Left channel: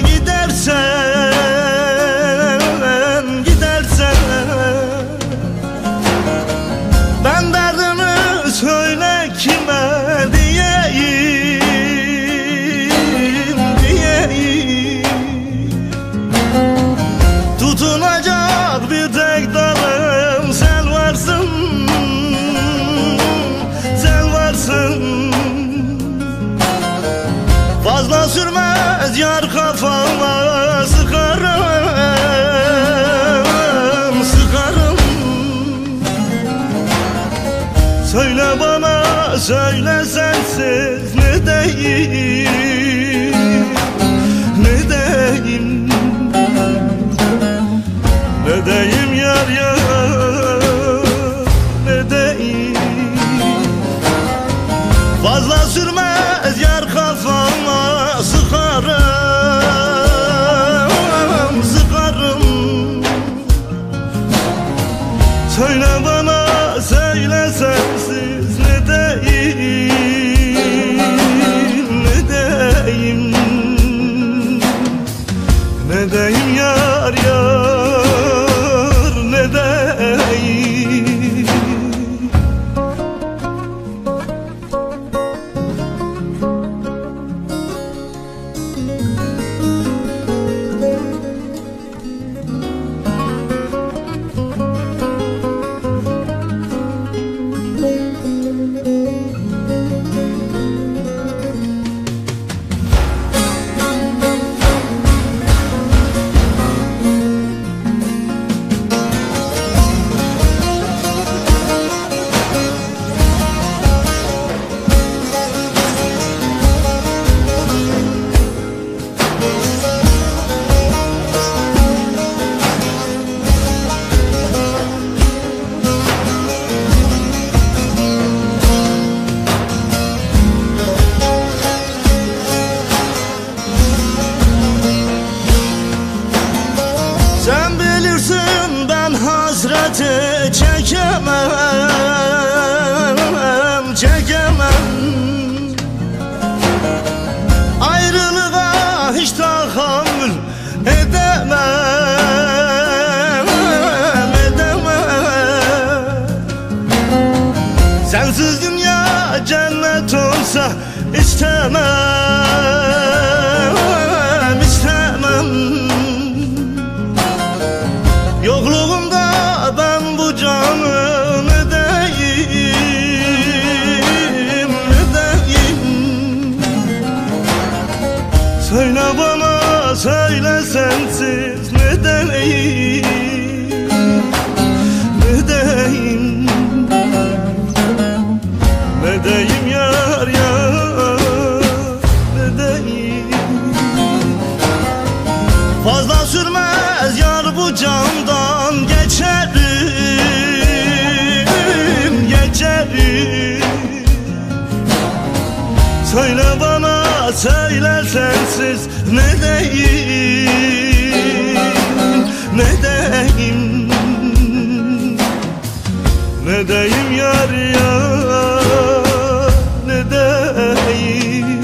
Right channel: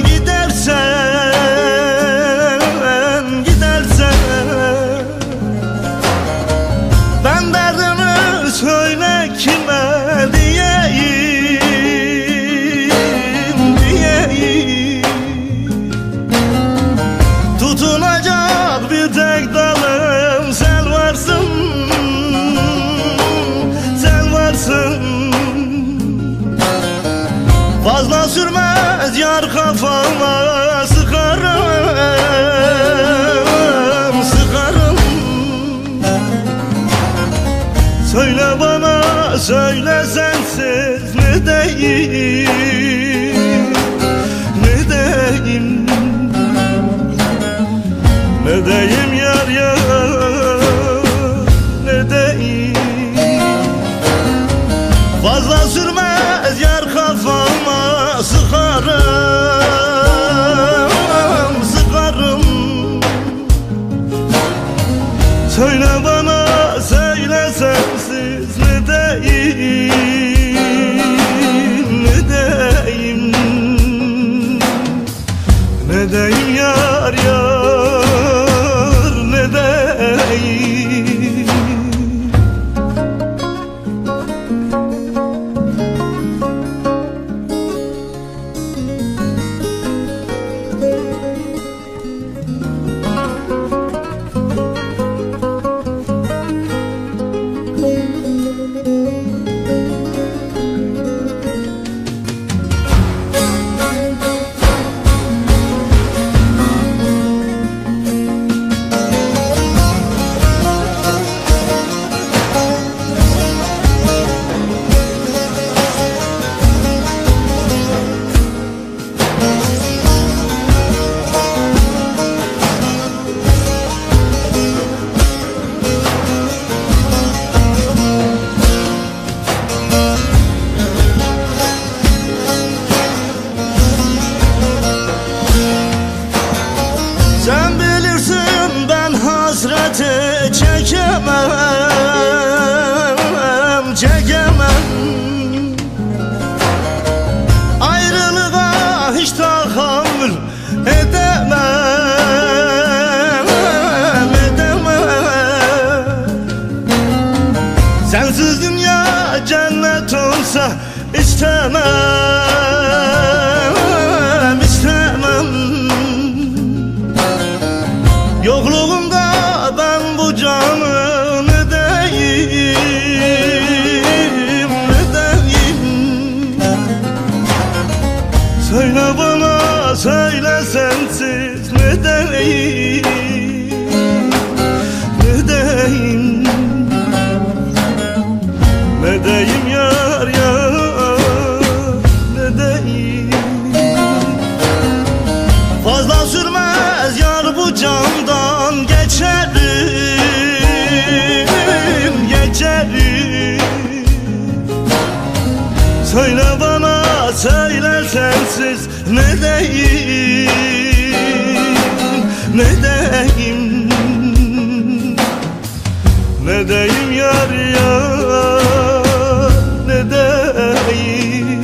gidersen, gidersen ben derdimi söyle kime diyeyim, diyeyim. Tutunacak bir tek dalım sen varsın, sen varsın. Fazla sürmez yar kafama sıkarım, sıkarım. Söyle bana, söyle sensiz ne deyim, ne deyim, ne deyim yar yar, ne deyim. Fazla sürmez yar kafama sıkarım, sıkarım. Söyle bana, söyle sensiz ne deyim, ne deyim, ne deyim yar yar, ne deyim. Sen bilirsin ben hasreti çekemem, çekemem. Ayrılığa hiç tahammül edemem, edemem. Sensiz dünya cennet olsa istemem, istemem. Yokluğumda ben bu canı ne deyim, ne deyim. Söyle bana, söyle sensiz ne deyim, ne deyim, ne deyim yar yar, ne deyim. Fazla sürmez yar bu candan geçerim, geçerim. Söyle bana, söyle sensiz ne deyim, ne deyim, ne deyim yar yar, ne deyim.